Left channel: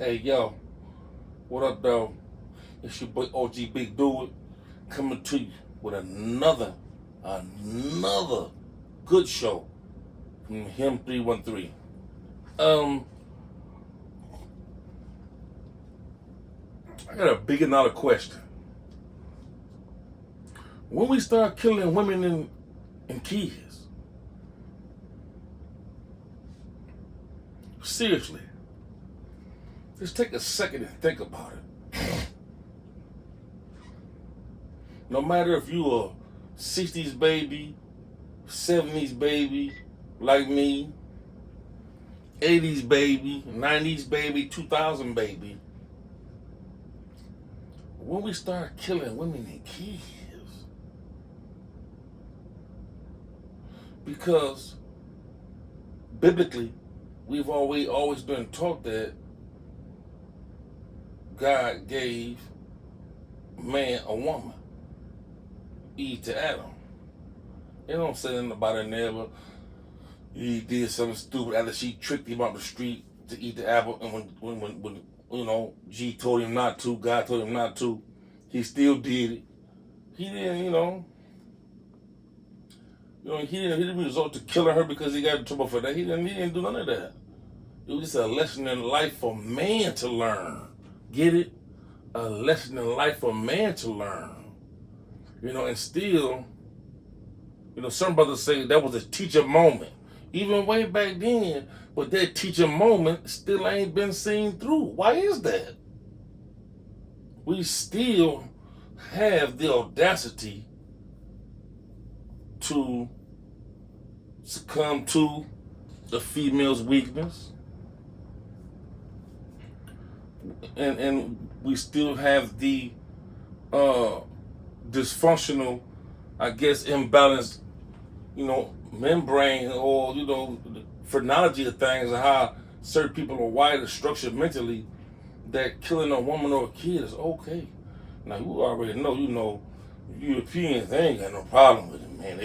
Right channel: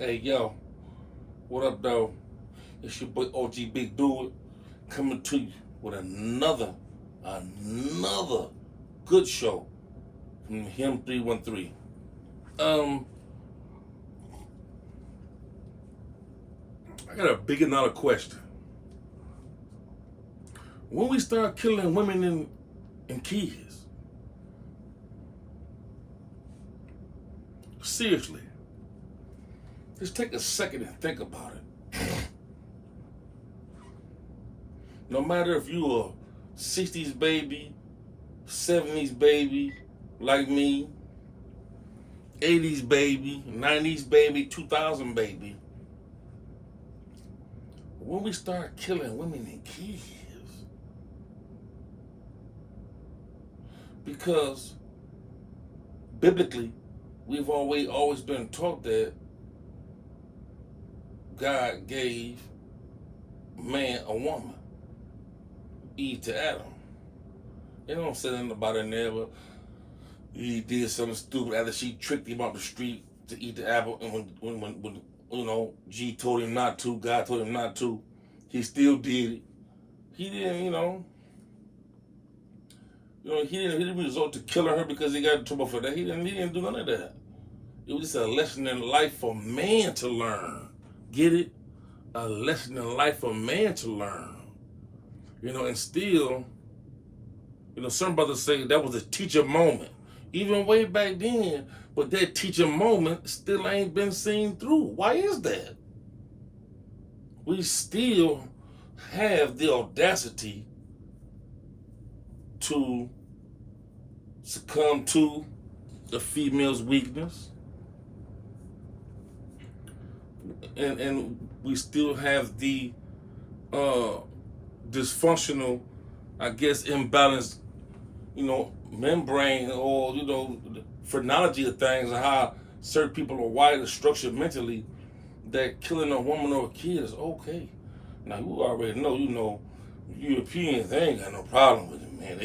Hey, yo, what up, though? It's your boy OG Big Do It coming to you with another good show from him 313. I got a big another question. When we start killing women and kids, seriously, just take a second and think about it. No matter if you a 60s baby, 70s baby, like me, 80s baby, 90s baby, 2000 baby, when we start killing women and kids, because biblically, we've always been taught that God gave man a woman, Eve to Adam. They don't say nothing about it never. He did something stupid after she tricked him out the street to eat the apple, and when G told him not to, God told him not to, he still did it. He didn't, he didn't resort to killing her because he got in trouble for that. He didn't do none of that. It was just a lesson in life for man to learn. Get it? A lesson in life for man to learn. And still, some brothers say that was a teacher moment. Even way back then, but that teacher moment still ain't been seen through. Why is that? We still have the audacity to succumb to the female's weakness. And we still have the dysfunctional, I guess, imbalanced, membrane or, the phrenology of things and how certain people are wired and structured mentally that killing a woman or a kid is okay. Now, you already know, Europeans, they ain't got no problem with it, man.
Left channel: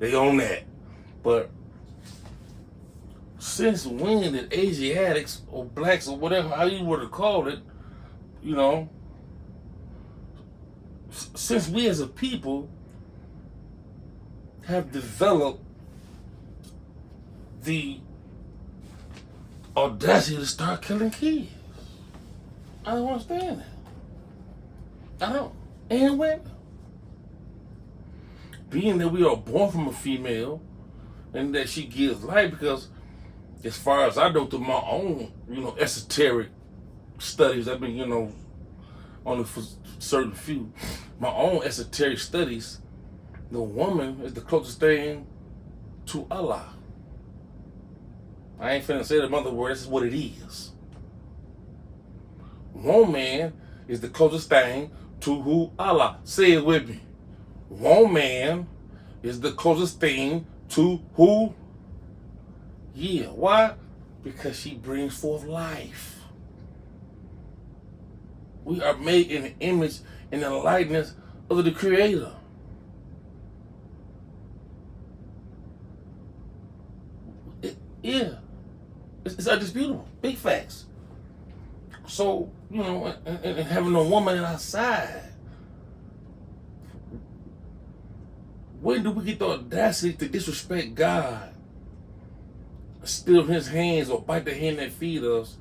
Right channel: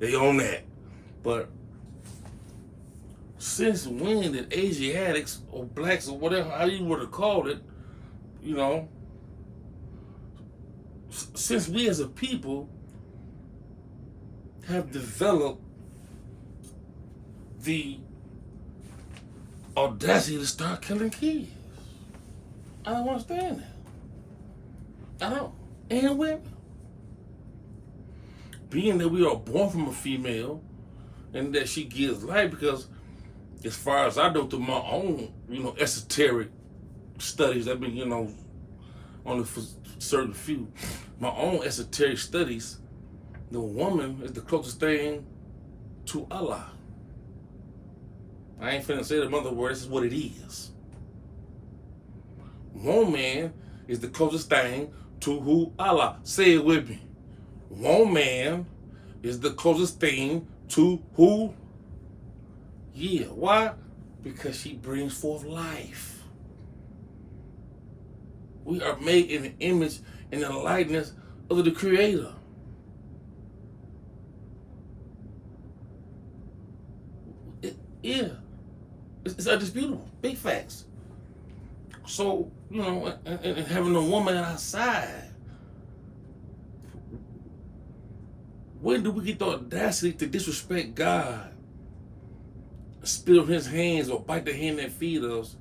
They own that. But since when did Asiatics or blacks or whatever, how you would have called it, since we as a people have developed the audacity to start killing kids? I don't understand that. I don't. And women. Being that we are born from a female and that she gives life, because as far as I know through my own, esoteric studies, I've been, only for certain few, my own esoteric studies, the woman is the closest thing to Allah. I ain't finna say the mother word, this is what it is. Woman is the closest thing to who Allah. Say it with me. Woman is the closest thing to who? Yeah, why? Because she brings forth life. We are made in the image and the likeness of the Creator. It's undisputable. Big facts. So, and having a woman outside, when do we get the audacity to disrespect God, steal his hands or bite the hand that feed us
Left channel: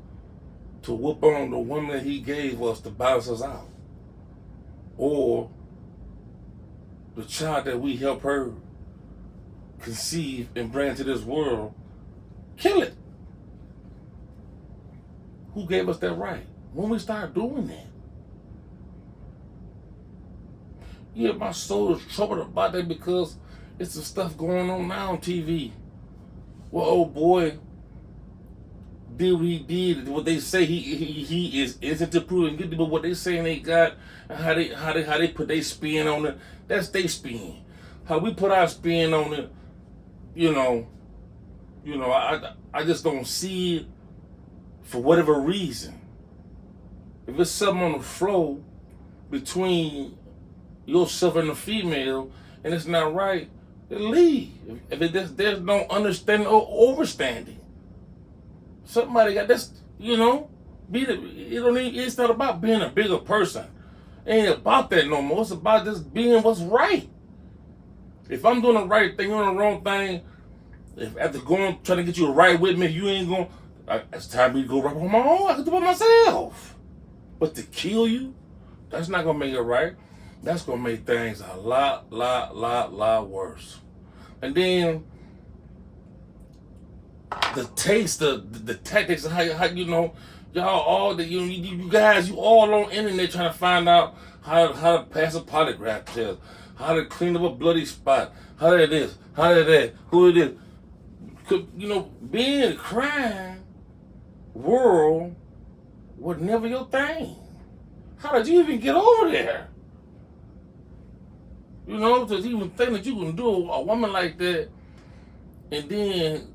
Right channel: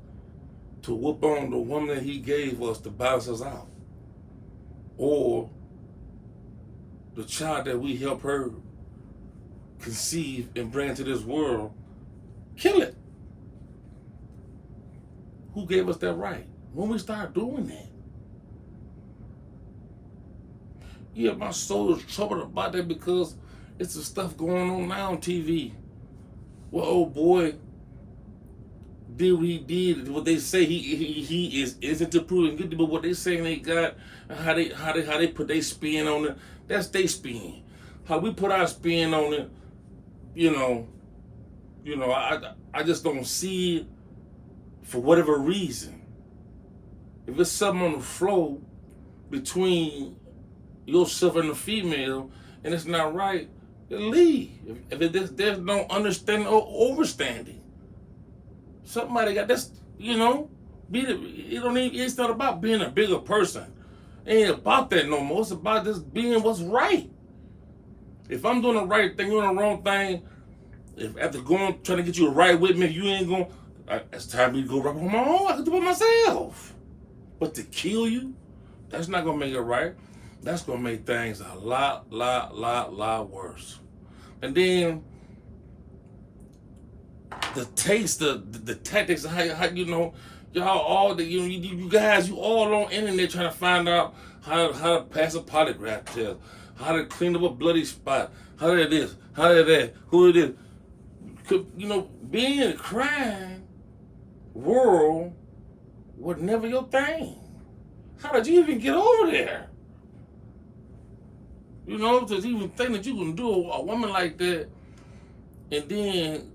to whoop on the woman that he gave us to balance us out? Or the child that we help her conceive and bring into this world, kill it. Who gave us that right? When we start doing that? Yeah, my soul is troubled about that because it's the stuff going on now on TV. Well, old boy did what he did. What they say he is innocent to prove guilty, but what they saying they got, how they put their spin on it, that's their spin. How we put our spin on it, I just don't see it for whatever reason. If it's something on the flow between yourself and the female and it's not right, then leave. If there's no understanding or overstanding, somebody got this, It's not about being a bigger person. It ain't about that no more. It's about just being what's right. If I'm doing the right thing, you're doing the wrong thing. If after trying to get you right with me, you ain't going. It's time for me to go right on my own. I can do it myself. But to kill you, that's not gonna make it right. That's gonna make things a lot worse. And then the taste, the tactics, how y'all all you guys, you all on internet trying to find out how to pass a polygraph test, how to clean up a bloody spot, how that is, how that, who it is. Being in a crime world was never your thing. How did you even get over there? To even think that you can do a woman like that, and then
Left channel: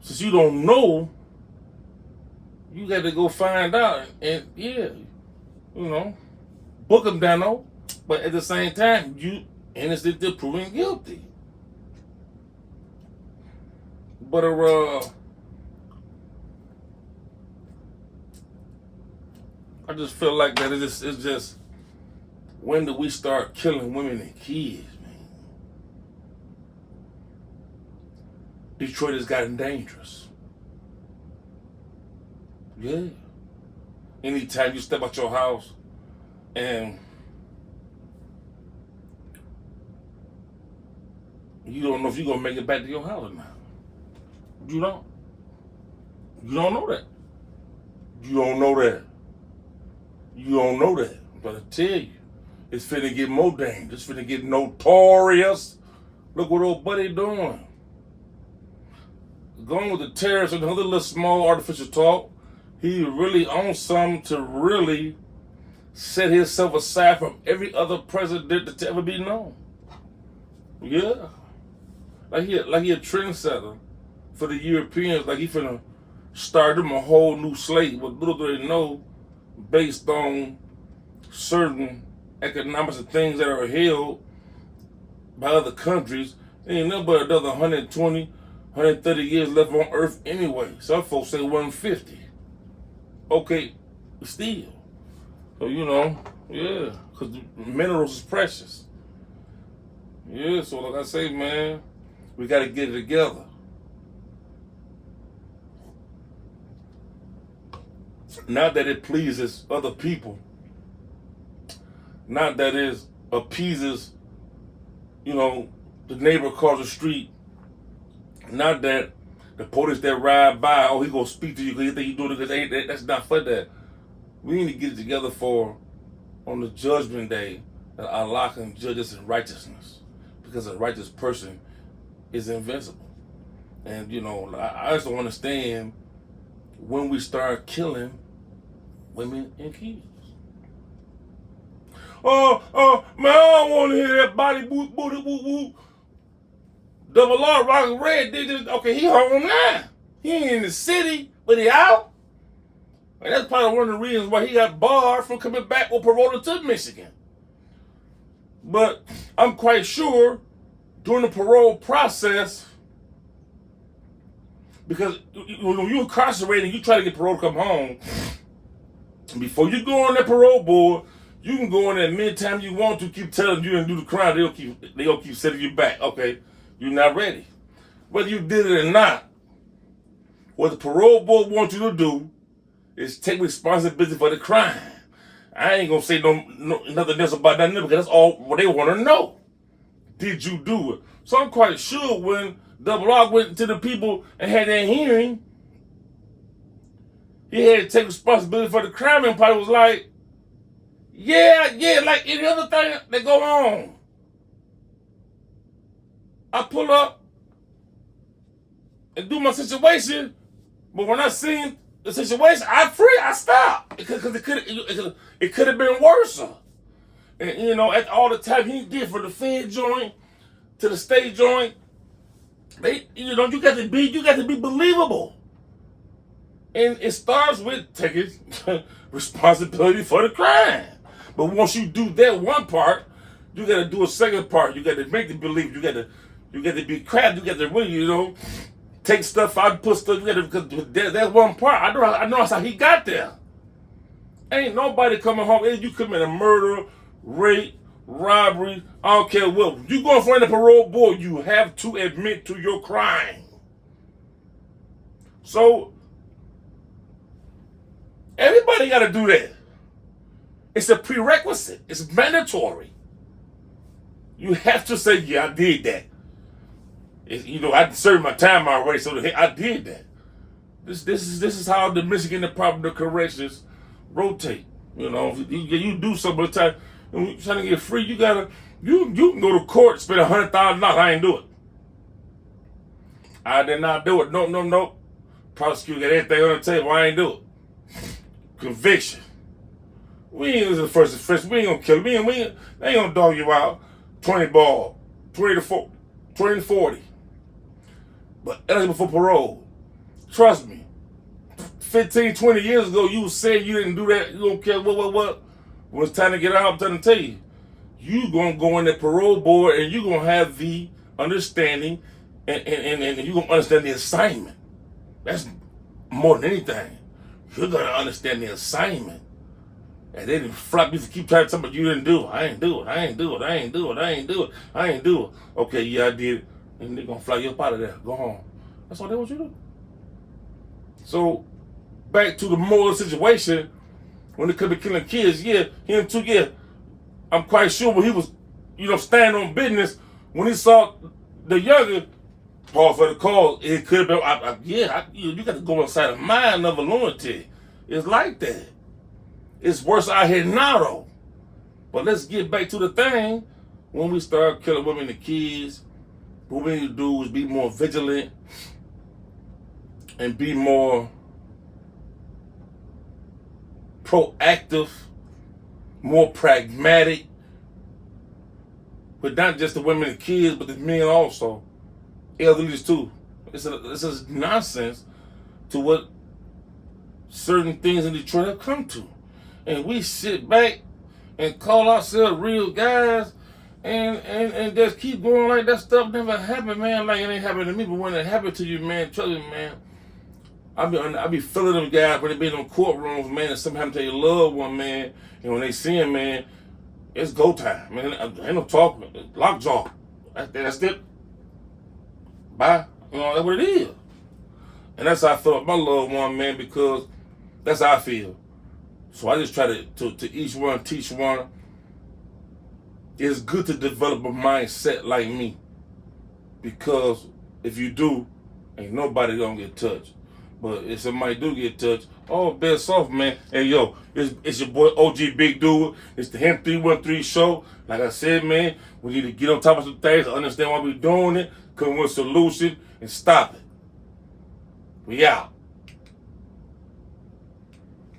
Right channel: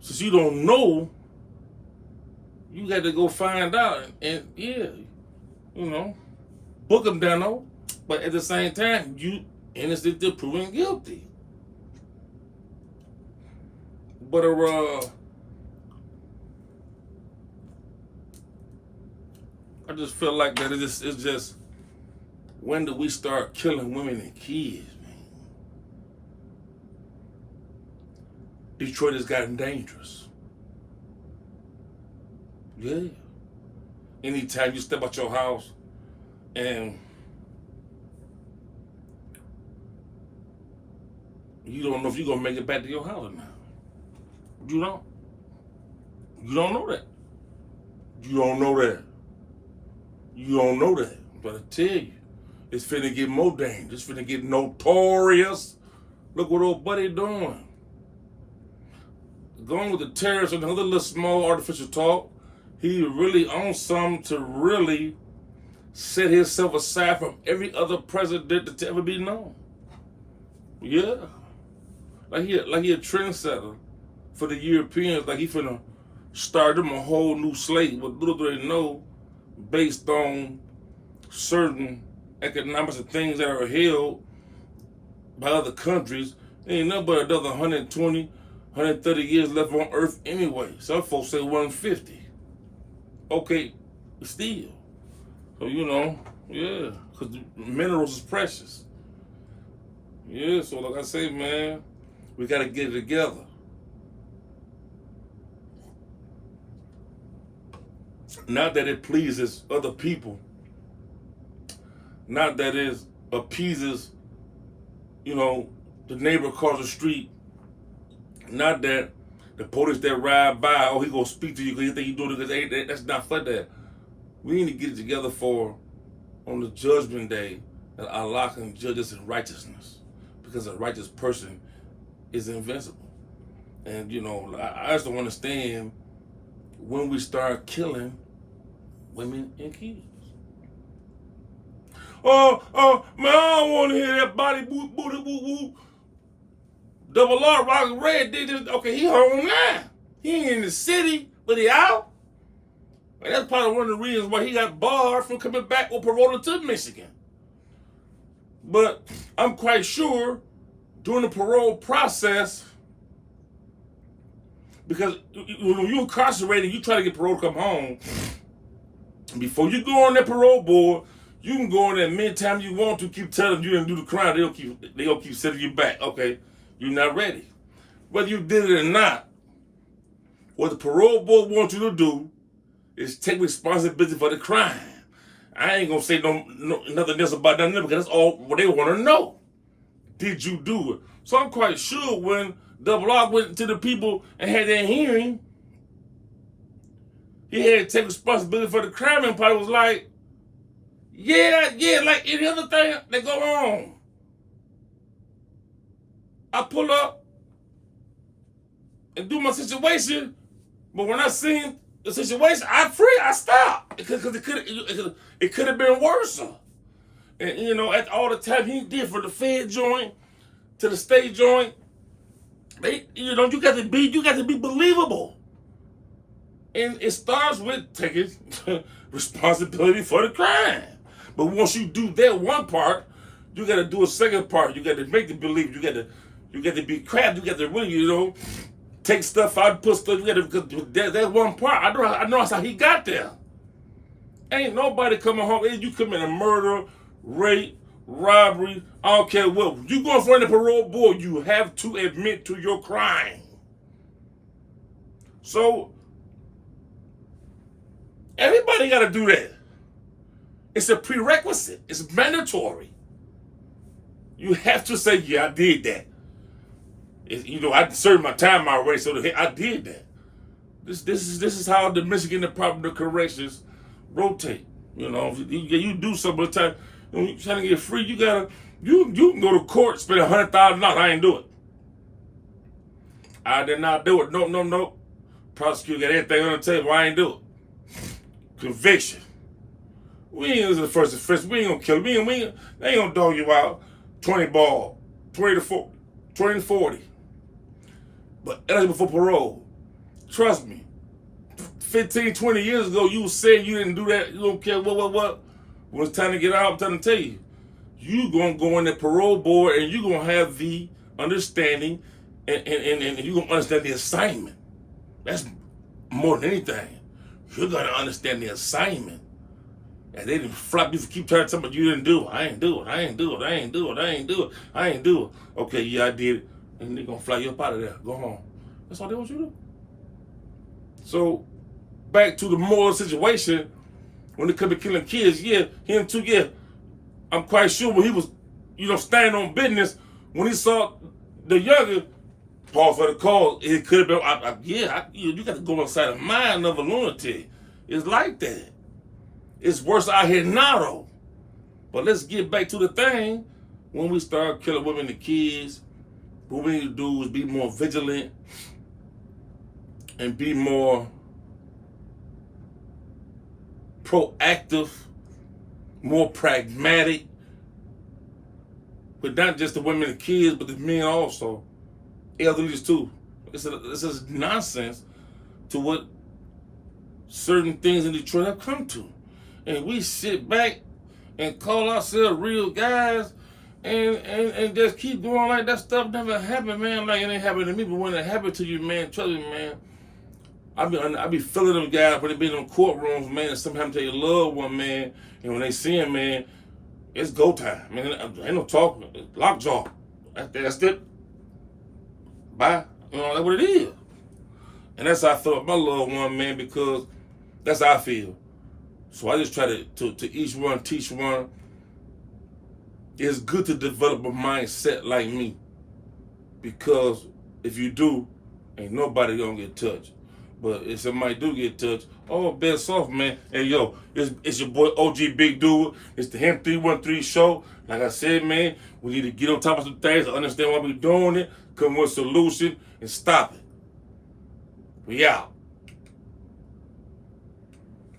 since you don't know, you got to go find out, and book them down. But at the same time, you innocent till proven guilty. But I just feel like that it's just when do we start killing women and kids, man? Detroit has gotten dangerous. Yeah. Anytime you step out your house and you don't know if you're gonna make it back to your house or not. You don't. You don't know that. You don't know that. You don't know that. But I tell you, it's finna get more dangerous. It's finna get notorious. Look what old buddy doing. Going with the terrorists and other little small artificial talk. He really on something to really set himself aside from every other president that's ever been known. Yeah. Like he a trendsetter for the Europeans. Like he finna start them a whole new slate. What little do they know, based on certain economics and things that are held by other countries. Ain't nothing but another 120, 130 years left on Earth anyway. Some folks say 150. Okay, still. So, yeah, because minerals is precious. Yeah, so like I say, man, we got to get it together. Not that it pleases other people. Not that it appeases, the neighbor across the street. Not that the police that ride by, he gonna speak to you because he think you doing it because that's not for that. We need to get it together on the judgment day that Allah can judge us in righteousness, because a righteous person is invincible. And I just don't understand when we start killing women and kids. Man, I don't want to hear that body boot, booty, woo, woo. Double R, Rock Red, they just, okay, he home now. He ain't in the city, but he out. And that's probably one of the reasons why he got barred from coming back or paroled to Michigan. But I'm quite sure during the parole process, because when you're incarcerated, you try to get parole to come home, before you go on that parole board, you can go in there many times you want to, keep telling you and do the crime, they'll keep sending you back. Okay, you're not ready. Whether you did it or not, what the parole board wants you to do is take responsibility for the crime. I ain't gonna say nothing else about that, because that's all what they want to know. Did you do it? So I'm quite sure when Double R went to the people and had that hearing, he had to take responsibility for the crime, and probably was like, yeah, like any other thing that go on. I pull up and do my situation, but when I seen the situation, I stopped, because it could have been worse. And at all the time he did, from the Fed joint to the state joint, you got to be believable. And it starts with taking responsibility for the crime. But once you do that one part, you got to do a second part. You got to make them believe. You got to be crafty. You got to really, take stuff out, put stuff together. Because that one part, I know that's how he got there. Ain't nobody coming home. If you commit a murder, rape, robbery, I don't care what. You go in front of the parole board, you have to admit to your crime. So everybody got to do that. It's a prerequisite. It's mandatory. You have to say, yeah, I did that. I served my time already, so I did that. This is how the Michigan Department of Corrections rotate. You do something at a time. When you're trying to get free, you can go to court, spend $100,000. I ain't do it. I did not do it. Nope. Prosecutor got everything on the table. I ain't do it. Conviction. We ain't the first offense. We ain't gonna kill him. They ain't gonna dog you out. 20 ball, 20 to 40. But that's before parole. Trust me. 15, 20 years ago, you said you didn't do that. You don't care what. When it's time to get out, I'm trying to tell you. You gonna go in the parole board and you gonna have the understanding and you gonna understand the assignment. That's more than anything. You're gonna understand the assignment. And they didn't flap you to keep trying to tell me you didn't do it. I ain't do it. Okay, yeah, I did it. And they're gonna fly you up out of there. Go home. That's all they want you to do. So, back to the moral situation, when it comes to killing kids, him too, I'm quite sure when he was, standing on business, when he saw the younger, pause for the cause, it could have been, you got to go inside the mind of a lunatic. It's like that. It's worse out here now, though. But let's get back to the thing. When we start killing women and kids, what we need to do is be more vigilant and be more proactive, more pragmatic, but not just the women and kids, but the men also, elderlies too. This is nonsense to what certain things in Detroit have come to. And we sit back and call ourselves real guys and just keep going like that stuff never happened, man. Like it ain't happened to me, but when it happened to you, man, trust me, man, I be feeling them guys when they be in them courtrooms, man, and something happened to your loved one, man, and when they see him, man, it's go time. Man, ain't no talking. Lockjaw. That's it. Bye. That's what it is. And that's how I feel about my loved one, man, because that's how I feel. So I just try to each one teach one. It's good to develop a mindset like me, because if you do, ain't nobody gonna get touched. But if somebody do get touched, best off, man. Hey, yo, it's your boy OG Big Dude. It's the Him 313 show. Like I said, man, we need to get on top of some things, understand why we doing it, come with a solution, and stop it. We out.